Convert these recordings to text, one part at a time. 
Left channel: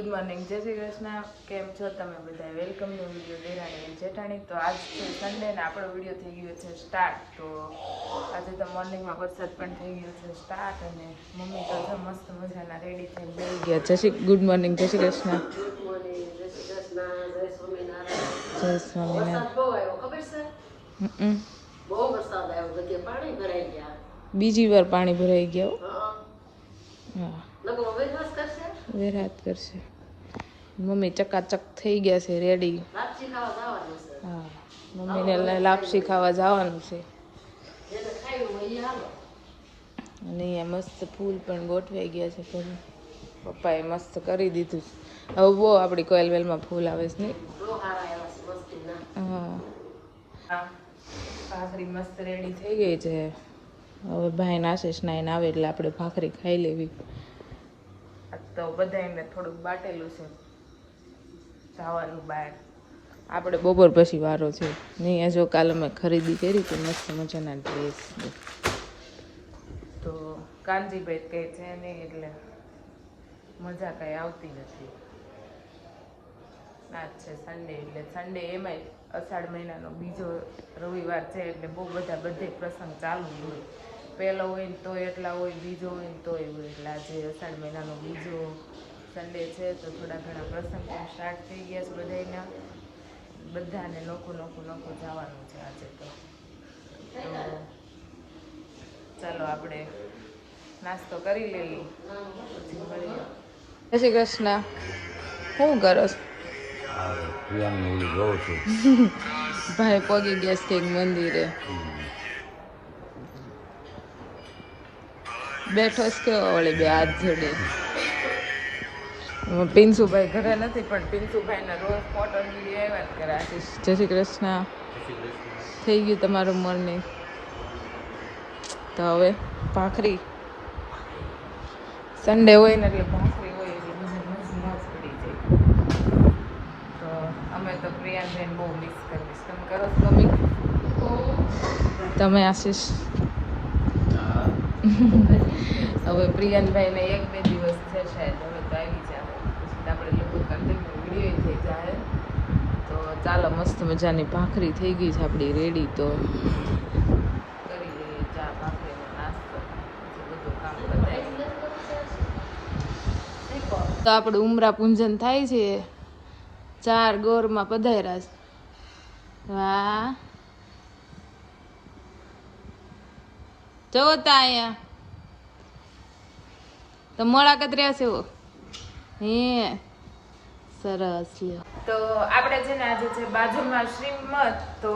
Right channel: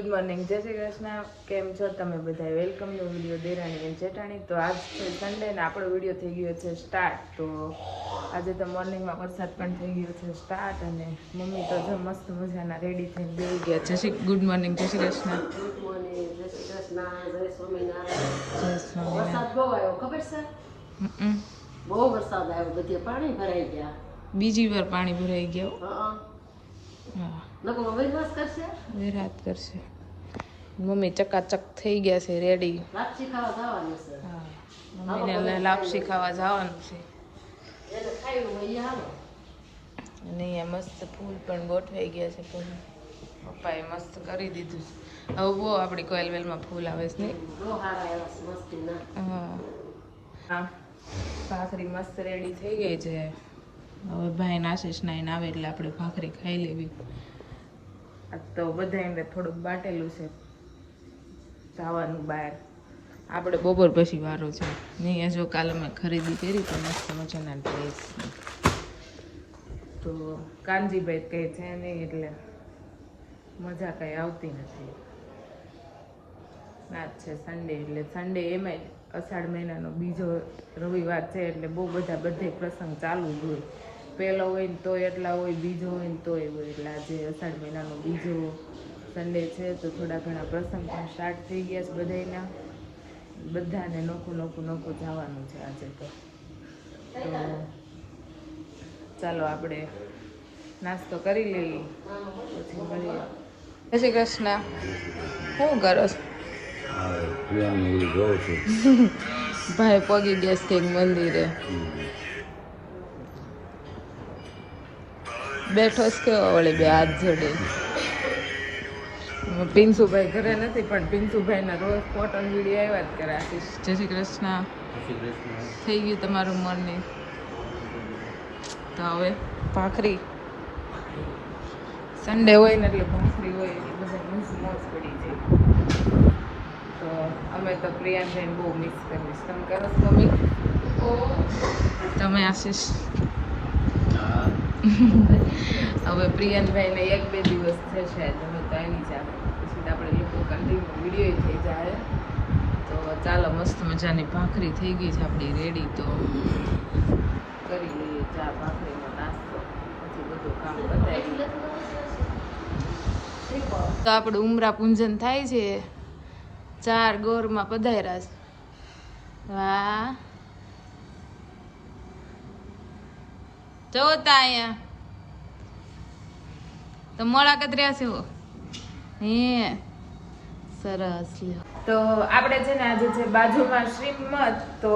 Good morning જય શ્રી કૃષ્ણ. કેમ છો તમે બધા વેલકમ નો વીડિયો દેરાણી અને જેઠાણી તો આજ છે સન્ડે ને આપણો વીડિયો થઈ ગયો છે સ્ટાર્ટ તો આજે તો મોર્નિંગમાં વરસાદ પણ થઈ ગયો છે સ્ટાર્ટ અને મમ્મી તો જો મસ્ત મજાના રેડી થઈને બેસી ગયા. જય શ્રી ગુડ મોર્નિંગ જય શ્રી કૃષ્ણ. ગુડ મોર્નિંગ જય શ્રી કૃષ્ણ જય સ્વામિનારાયણ. જય સ્વામિનારાયણ. વરસાદ બહુ આવ્યો ખબર છે. બહુ વરસાદ આવ્યો બધે પાણી ભરાઈ ગયા. બીજી વાર પાણી ભરાઈ ગયો લોકો અવેરવાસ કરશે? વિરાટ કરશે. મમ્મી ચકાચક થઈ ગયા છે રેડી લાપસી ખાવા જવાનું છે. હા મમ્મીને લાપસી ખાવા જવાનું છે. અને અહીંયા મસ્ત ફૂલ પણ ગોઠવાઈ ગયા છે પેલું પપ્પાએ મસ્ત કરી દીધું હવે બહુ આપણી કોયલ વેલમાં ફૂલ આવે છે ને. હા. ભાખરી મસ્ત રેડી થઈ ગઈ છે. હવે ભાઈ આશીષ નાઈને આવે એટલે આપણે ભાખરી ખાઈ લેવી. આ તો બધા એમને થોડુંક બાટેલું છે. જવાનું બહાર. આપણે બપોર પછી વારો છે. નહીં જો કાલે મેં ખરીદી કરી તો મસ્ત મજાના ડ્રેસ તો કાનજીભાઈ કંઈ છે નહીં એટલે મજા કાંઈ આવતી નથી. ના છે સન્ડે એટલે સન્ડે એમાંય અષાઢ મહિનાનો બીજો રવિવાર છે એટલે બહુ બધા બધે પ્રસંગ ચાલુ જ હોય. પહેલો હોય ને તોય એટલા હોય બીજો હોય ને તોય હોય. એટલે આજે અષાઢ મહિનાનો બીજો સન્ડે છે તો થોડા ઘણા પ્રસંગ પણ સ્ટાર્ટ થઈ ગયા છે બધાયના. બધાને નોખું નોખું નોખું જવાનું છે આજે તો. તો ચાલો આપણે નાસ્તો કરી લઈએ પછી મળીએ. જય શ્રી કૃષ્ણ. શું કરો? ભાઈ પગી ગયા છે મંદિરે. બેઠો જ કેવો વળે બે હાથ જોડે? પિન્સુભાઈ ઘરે નથી પણ પિન્સુભાઈ ના રોજ ફોટો વીડિયો આવ્યા જ કરા જય શ્રી કૃષ્ણ. થઈ ગયું તમારું મોર્નિંગ તો હવે ભાખરી. સન્ડે હોય ને એટલે ભાખરી હોય એટલે બધા મસ્ત મોજ પડી જાય. તો અમે તો પ્રિયાનભાઈને બહુ મિસ કરીશ. તમે કરો તમે આશીષ. હવે પ્રિયનભાઈને એક બે દિવસ છે શાયદ હવે તો આવી જાય પછી તો આપણે લોકો કન્ટિન્યુ વીડિયો થઈ જાય તો ચાલો, મસ્ત મજાની ભાખરી થઈ ગઈ છે આપણી રેડી તો કરી લઈએ ચા, ભાખરીનો નાસ્તો. પછી બધું કામ પતાવી તો આપણું ઉમરા પૂંજન થાય છે. ચાર ગોરમાં પધાર્યા છે. વાહ. જવો તા મોડા કતર્યા છે હે. સરસ તો આપણે છે ને આજે છે બાજુમાં શ્રીમત, તો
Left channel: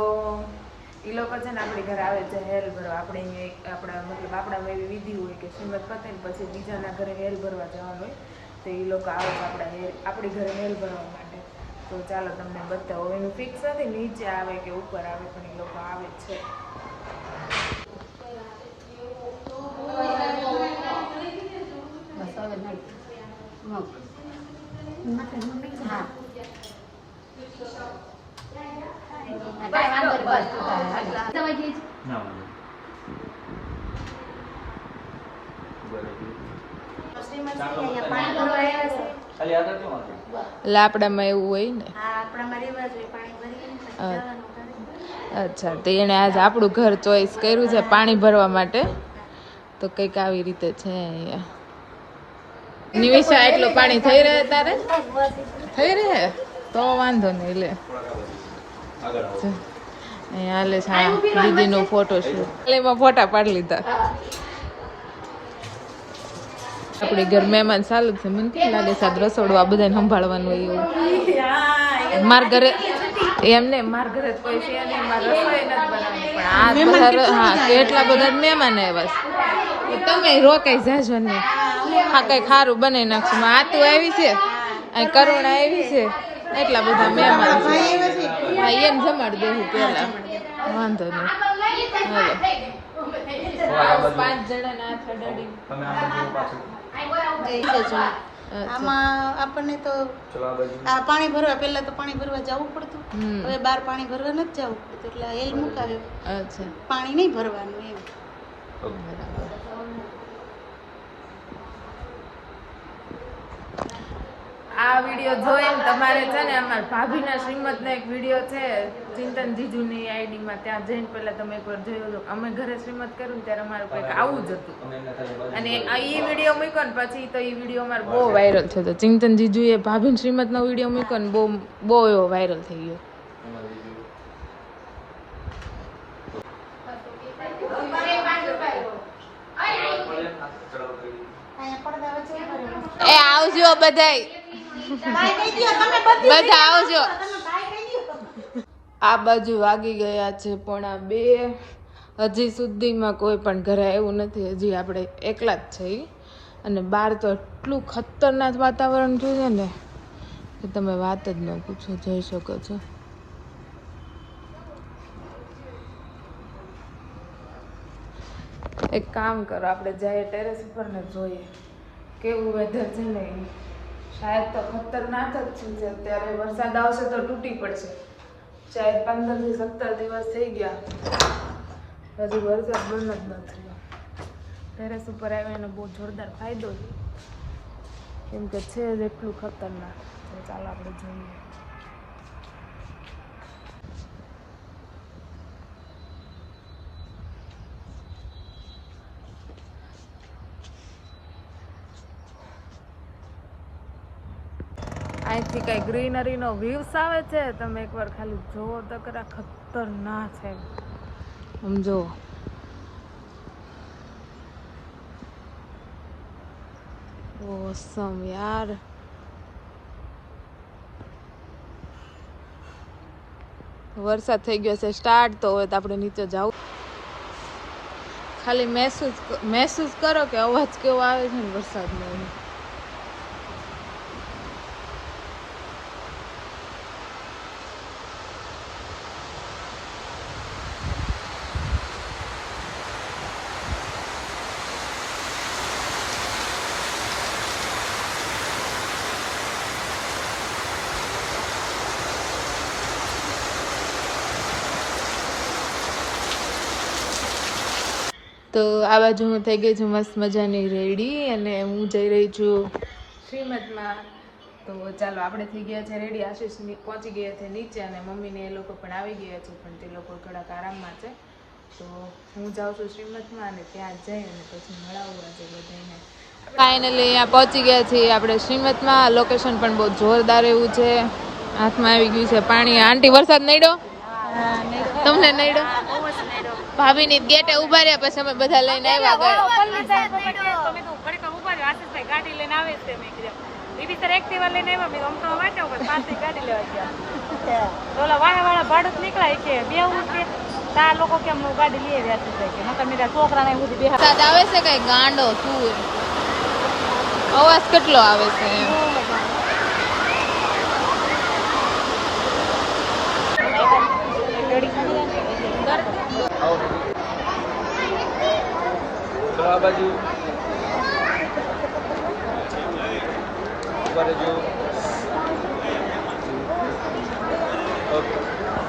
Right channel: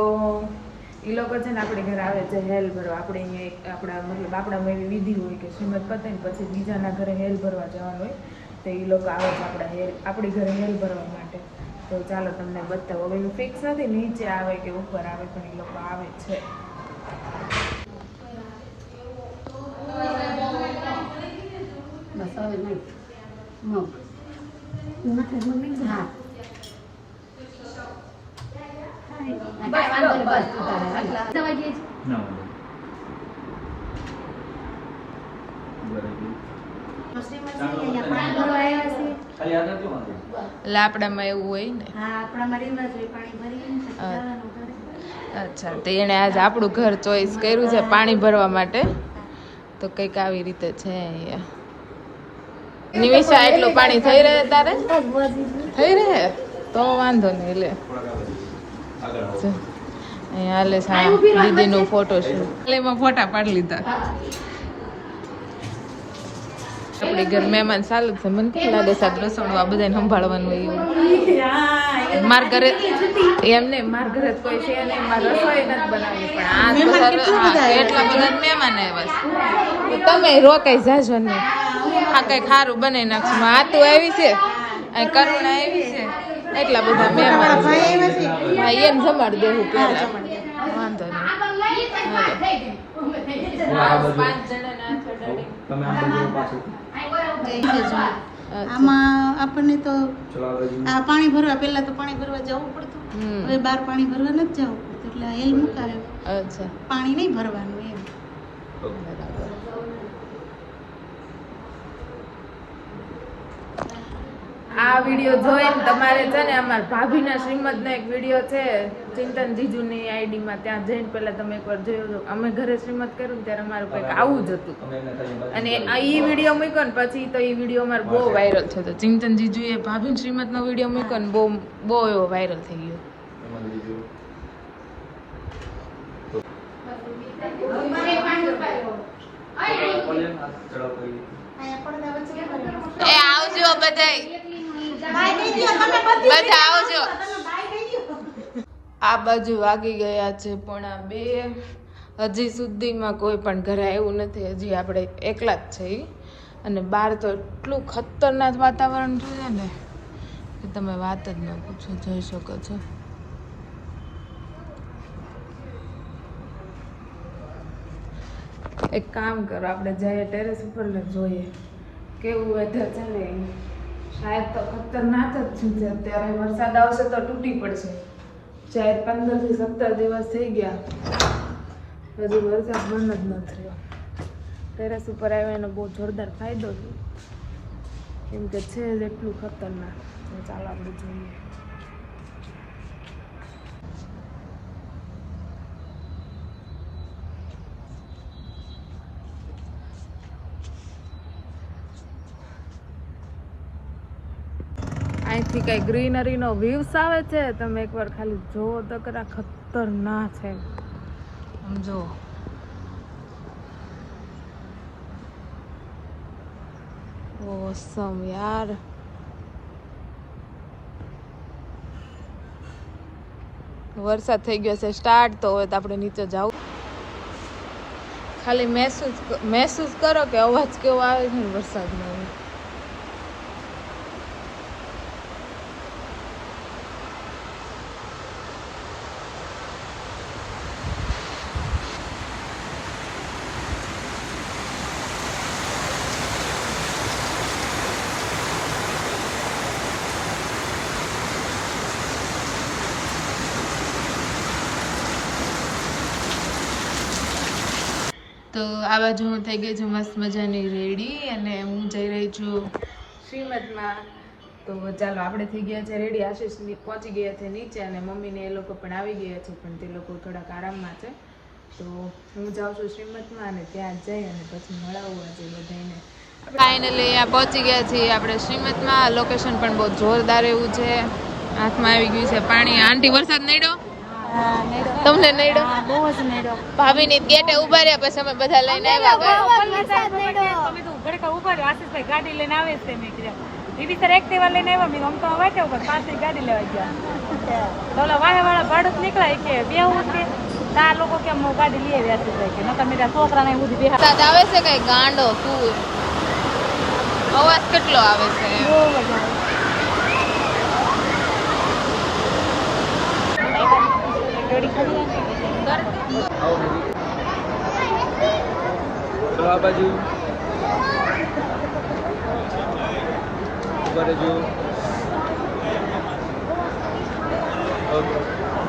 એ લોકો છે ને આપણે ઘરે આવે છે હેલ ભરવા. આપણે અહીંયા આપણા, મતલબ આપણામાં એવી વિધિ હોય કે શ્રીમત પતે ને પછી બીજાના ઘરે હેલ ભરવા જવાનું હોય, તો એ લોકો આવે છે આપણા હેલ, આપણી ઘરે હેલ ભરવા માટે. તો ચાલો તમને બતાવો. એનું ફિક્સ નથી, નીચે આવે કે ઉપર આવે, પણ એ લોકો આવે છે. લાપડામાં એવું હોય ને. અચ્છા, તો એણે આજ આપણું ઘર ચોઈસ કર્યું છે પાણી ભરવા માટે. તો કંઈક આવી રીતે છે અહીંયા. નિમિષા એટલું પાણી થઈ રહે તારે? થઈ રહે? તો વાંધો નહીં લે. અહીંયા હાલે છે દીદીનો ફોટો એટલે એમાં ફોટા પાડી લીધા. આપણી ઘર મહેમાન સારું છે. મને કેમ લાગે આ રસોડું આ બધાને સંભાળવાનું એવું? માર ઘરે એમને માર ઘરે જ કોઈ છે નહીં, માર રસોઈ નથી બનાવવાની, પણ આ હા, એટલા બધા મહેમાન આવ્યા છે. તમે રોકાઈ જાજો ને. હા, કઈ ખારું બનાવી નાખશું. આ તો આવી છે? આ કરુણ આવી છે? એટલા બધા મહેમાન છે. હા એને જમાડી દેવું પહેલા. વાંધો નહીં. હાલો. આમાં આપણને તો આ પાણી ભરવા પહેલા તો પાણી ભરવા જવું પડતું હવે બાર પાણી ભરવા નથી જવું પડતું એટલે એલ મુકાવે અચ્છા પાણી નહીં ભરવાનું એમ આ વીડિયો જોઈને તમારે છે ને અમારા ભાભીના શ્રીમદનો એક વીડિયો છે. ચિંતન જીજુની આઈડીમાં ત્યાં જઈને પહેલાં તમે એકવાર જોયો હતો. અમે ઘરે શ્રીમત કર્યું ને ત્યારે અમારું કંઈક આવું જ હતું. અને આ ઈ વીડિયો મૂક્યો ને પછી તો ઈ વીડિયો અમારો બહુ વાયરલ થયો હતો ચિંતન જીજુએ ભાભીના શ્રીમદનો વીડિયો મૂક્યો ને બહુ બહુ એવો વાયરલ થઈ ગયો. એ આવજો બધા બધા આવજો. આ બાજુ વાગી ગયા છે, પોણા બે હજી સુધીમાં કોઈ પણ ઘરે આવ્યું નથી હજી આપણે એકલા જ છે ઈ. અને બહાર તો એટલું ખતરનાક વાતાવરણ થયું છે ને કે તમે વાત જ ન પૂછો, જઈ શકો છો એક કામ કરો, આપણે જઈએ ટેરેસ ઉપર ને જોઈએ કેવું વેધર છે ને. શાયદ તો ખતરનાક જ છે અત્યારે વરસાદ આવશે તો તૂટી પડશે શાયદ પંદરથી સત્તર દિવસ થઈ ગયા. હજુ વરસાદ બંધ જ ન થયો. ટેરેસ ઉપર આવ્યો એનો બહુ જોરદાર ફાયદો છે. કેમ કે છે જ એટલું ખતરનાક. ચાલો, આપણે જોઈએ. અહીંથી કઈ ગ્રીનરીનો વ્યૂસ આવે છે? તમે એકવાર ખાલી જોવો તો ખરા ખતરનાક છે. સમજો ઓસમ યાર. વરસાદ થઈ ગયો છે સ્ટાર્ટ તો હવે તો આપણે નીચે જાવ ખાલી મહેસૂસ મહેસૂસ કરો કે અવાજ કેવો આવે છે ને વરસાદનો તો આ બાજુ થઈ ગઈ છું મસ્ત મજાની રેડી અને હું જઈ રહી છું શ્રીમદમાં તો ચાલો, આપણે થઈ ગયા છે રેડી. આશીષ પહોંચી ગયા છે નીચે અને મમ્મીને એ લોકો પણ આવી ગયા છે, પણ તે લોકો થોડાક આરામમાં છે. તો હું જાઉં છું શ્રીમદમાં અને ત્યાં જઈ અને પછી મળાવું આજે બધાને ફાઇનલી અહીંયા પહોંચી ગયા છીએ આપણે શ્રીમદમાં લોકેશન પણ બહુ જોરદાર એવું છે. હાથમાં આવી ગયું છે પાણી. આંટી, વરસાદ નડ્યો? તમને નડ્યો બહુ જ નડ્યો ભાભી ની ગેટે ઊભા રહ્યા પછી અમે બધા લઈને આવ્યા ગયા તમે તો ઘડીક ઊભા રહ્યા આશીષભાઈ ગાડી લઈને આવે છે મેં કીધું. બીબી સર એક્ટિવા લઈને આવ્યો મેં આમ તો વાંચો પણ પાછી ગાડી લેવા ગયા. વાહે વાળા બાળક નીકળાય કે ના લોકો કેમ ગાડી લઈ આવ્યા આશીષભાઈ કે નતા મેરા છોકરાને આવે છે કઈ ગાંડો શું? અવાજ કેટલો આવે છે એમ.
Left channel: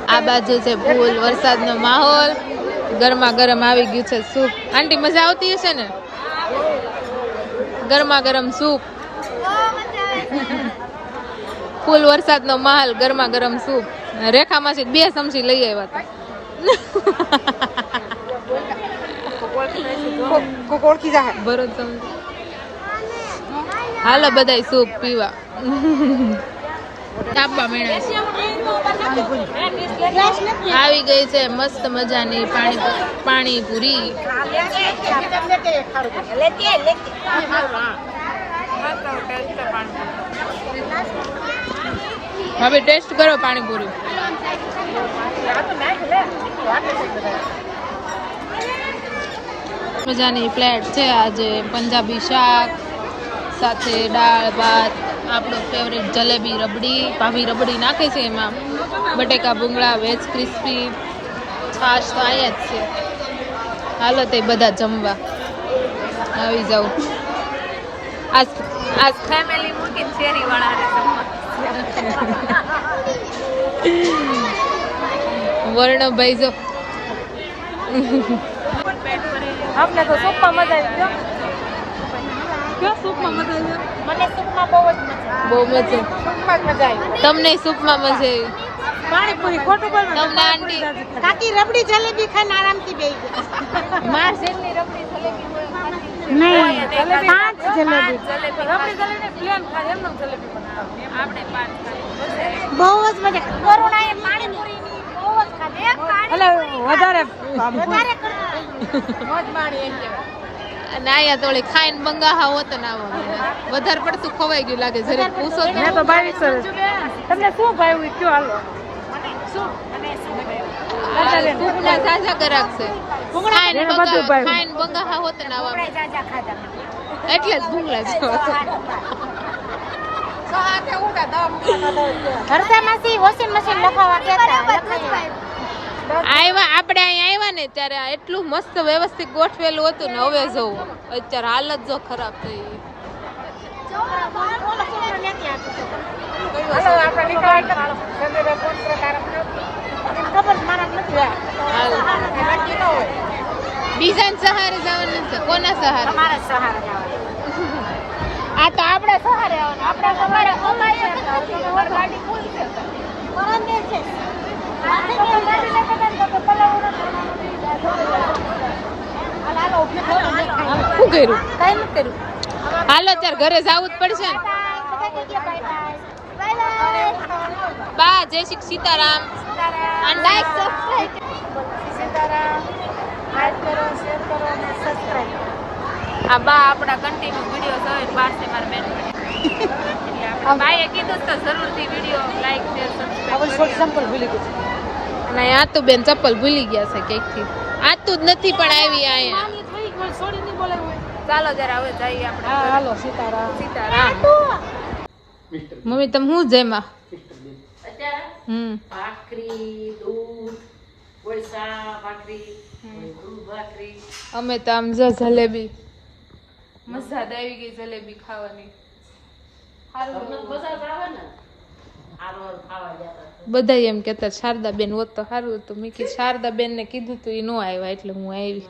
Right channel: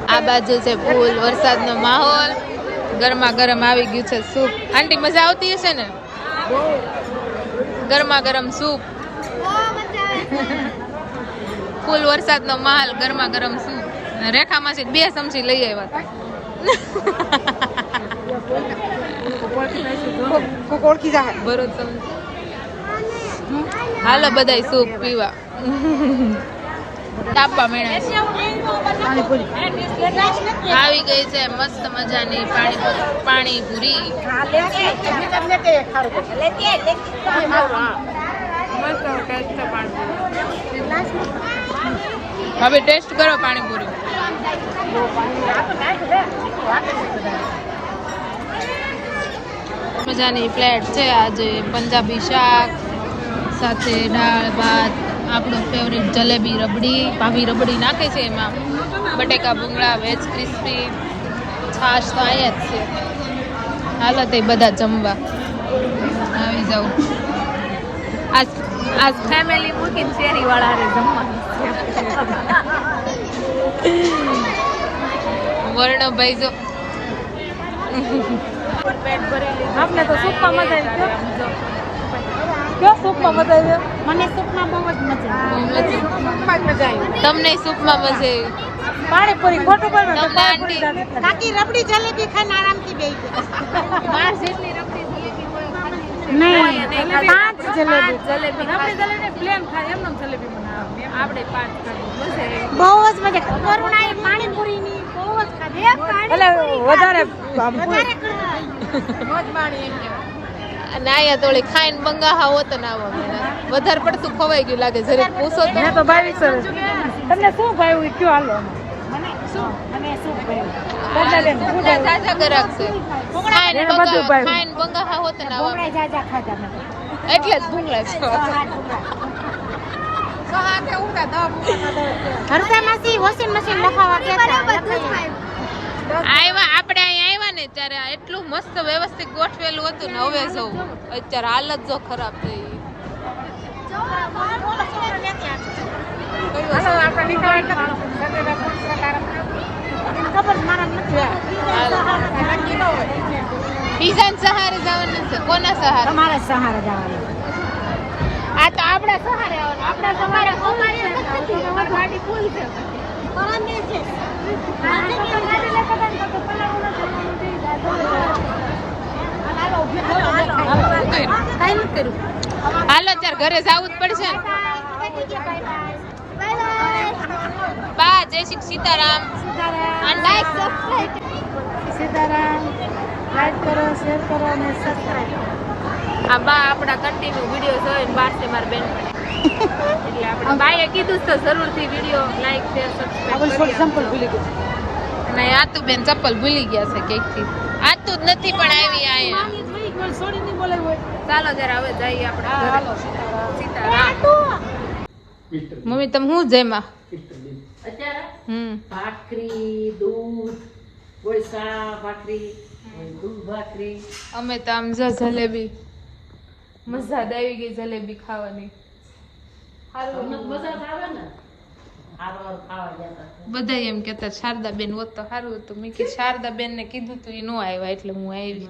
આ બાજુ છે ફૂલ વરસાદનો માહોલ. ગરમા ગરમ આવી ગયું છે સૂપ. આંટી મજા આવતી હશે ને? ગરમા ગરમ સૂપ. ફૂલ વરસાદનો માહોલ ગરમા ગરમ સૂપ. રેખામાંથી બે ચમચી લઈ આવ્યા હતા. ભરત ચમચી. હાલો બધાય સૂપ પીવા. તાપવા મેળા આવી ગઈ છે મસ્ત મજાની પાણી પાણીપુરી. મસ્ત ટેસ્ટ પાણીપુરી હવે ટેસ્ટ કરો પાણીપુરી. મજાની પ્લેટ છે આજે પંજાબી શાક સાથે દાળ ભાત આપણું ફેવરિટ જલેબી રબડી ભાવી રબડી નાખે છે એમાં. બટેકા ભૂંગળા વેજ ક્રિસ્પી છાશ તો અહીંયા જ છે. હાલો તે બધા જમવા. આવી જાઉં આજ આજ ફેમિલી મૂકીને શેરી વાળા રે જમવાનું વર્ણભાઈ જો. પેટ ભરી લીધું ના એ તારે મને સૂપમાં બહુ જ મજા બહુ મજા તમને સૂપમાં મજા આવી? તમને આંટી? કાકી રબડી જલેબી ખાઈને આરામથી ગઈ. માર જેટલી રબડી જલેબી મળે ખાધી આપણે પાંચ ખાધી. મજા આવી બહુ જ મજા બહુ જ ખાધી. પાણીપુરી વધારે. વધારે અને અહીંયા તો ઓલી ખાઈને બંગાહા હોત ને આવો મેળા વધારે પડતું ખવાઈ ગયું લાગે જરીક પૂછો તો. તમને શું ભાવ્યું? કયો હાલો? એટલે જ ભૂંગળા છો વોશિંગ મશીન લખાવા ગયા આવ્યા આપણે અહીંયા આવ્યા ને ત્યારે એટલું મસ્ત વ્યવસ્થિત ગોઠવેલું હતું ને હવે જવું. અત્યારે હાલત જો ખરાબ થઈ. બીજા સહારે જવાનું કોના સહારે? અમારા જવાનું. આ તો આપણે સહારે આવવાનું. આપણા અમારા અમારી ગાડી ફૂલ છે. શું કર્યું? હાલો ત્યારે ઘરે જવું જ પડશે બા જય શ્રી સીતારામ. સીતારામ લાઈક કરો શેર કરો અને સબસ્ક્રાઇબ આ બા આપણા કન્ટિન્યુ વીડિયો જોઈને બાર તે મારા બેન પણ એટલે આપણે ભાઈએ કીધું જ તો જરૂરથી વીડિયો લાઈક શેર સબસ્ક્રાઇબ કરી આપજો. અને આ તો બેન ચપ્પલ ભૂલી ગયા છે ક્યાંકથી. આ તો જ નથી પણ આવી અહીંયા. ચાલો જરા હવે જઈએ આપણે ઘરે. મમ્મી તમે શું જેમાં? અત્યારે? હમ. ભાખરી દૂધ કોળસા ભાખરી દૂધ ભાખરી. અમે તો આમ જો જલેબી. મજા આવી ગઈ જલેબી ખાવાની મજા જ આવે ને હારો હારો ખાવા જતા બધા એમ કેતા શારદા બેન હોત તો સારું હતું. મેં કીધું શારદા બેન ને કીધું તું એ નો આવ્યા એટલે હું આવી.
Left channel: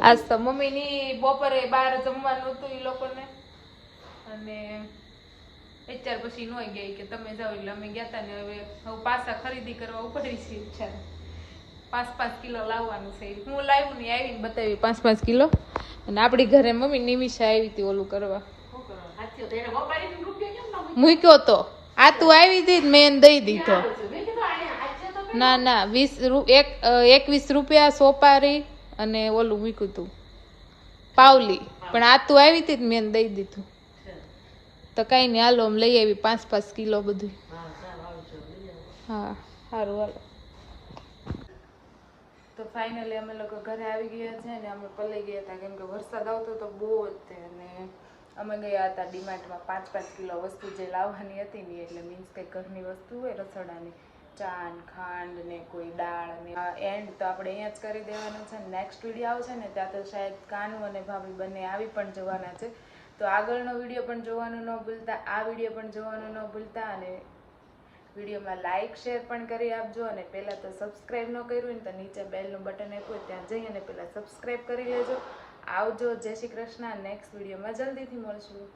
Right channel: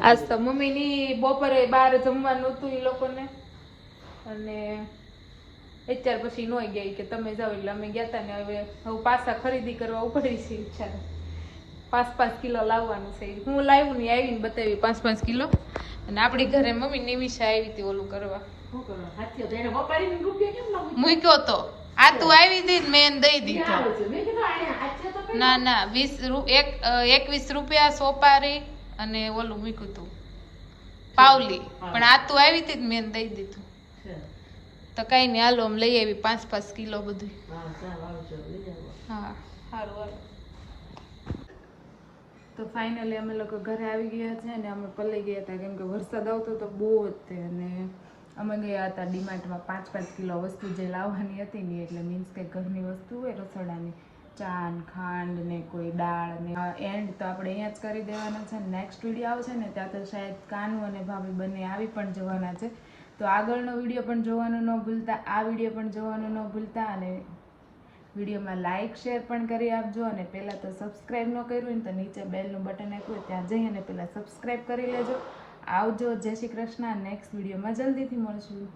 આજ તો મમ્મી ની બપોરે બહાર જમવાનું હતું એ લોકોને. અને અત્યાર પછી નો ગઈ કે તમે જાઓ એટલે અમે ગયા તા ને હવે હવે પાસા ખરીદી કરવા ઉપડી છે ઈચ્છા પાંચ પાંચ કિલો લાવવાનું છે. હું લાવ્યું ને આવીને બતાવી. પાંચ પાંચ કિલો? અને આપણી ઘરે મમ્મી નિમિષા આવી હતી ઓલું કરવા. મૂક્યો? તો. આ તું આવી હતી મેં દઈ દીધો. ના ના. વીસ એક એકવીસ રૂપિયા સોપારી અને ઓલું મૂક્યું તું. પાવલી. પણ આ તું આવી હતી મેં દઈ દીધું. તો કઈ નહીં હાલો આમ લઈ આવી પાંચ પાંચ કિલો બધું. હા સારું આવજો હા સારું હાલો. તો ફાઇનલી અમે લોકો ઘરે આવી ગયા છે ને અમે પલાઈ ગયા હતા. કેમ કે વરસાદ આવતો તો બહુ જ તે અને અમે ગયા હતા ડીમાર્ટમાં પાંચ પાંચ કિલો વસ્તુ જે લાવવાની હતી ને એટલે મીન્સ કે ઘરની વસ્તુ હોય, રસોડાની, ચાન, ખાંડ ને કોઈ દાળ ને એન્ડ તો આપણે અહીંયા જ કરી દેવાનો છે. નેક્સ્ટ વીડિયો આવશે ને ત્યાં તો શાયદ કાનુ અને ભાભી બંને આવી પણ જવાના છે. તો આગળનો વીડિયો પણ જોવાનો ન ભૂલતા, આ વીડિયો પણ જોવાનો ન ભૂલતા અને વિડીયોમાં લાઇક શેર પણ કરી આપજો અને પહેલાં તો સબસ્ક્રાઈબ ન કર્યું હોય તો નીચે બેલનું બટન આપ્યું હોય ત્યાં જઈ અને પહેલાં સબસ્ક્રાઈબ કરી લેજો. આવજો. જય શ્રી કૃષ્ણ. નેક્સ્ટ વિડીયોમાં જલ્દીથી મળશું.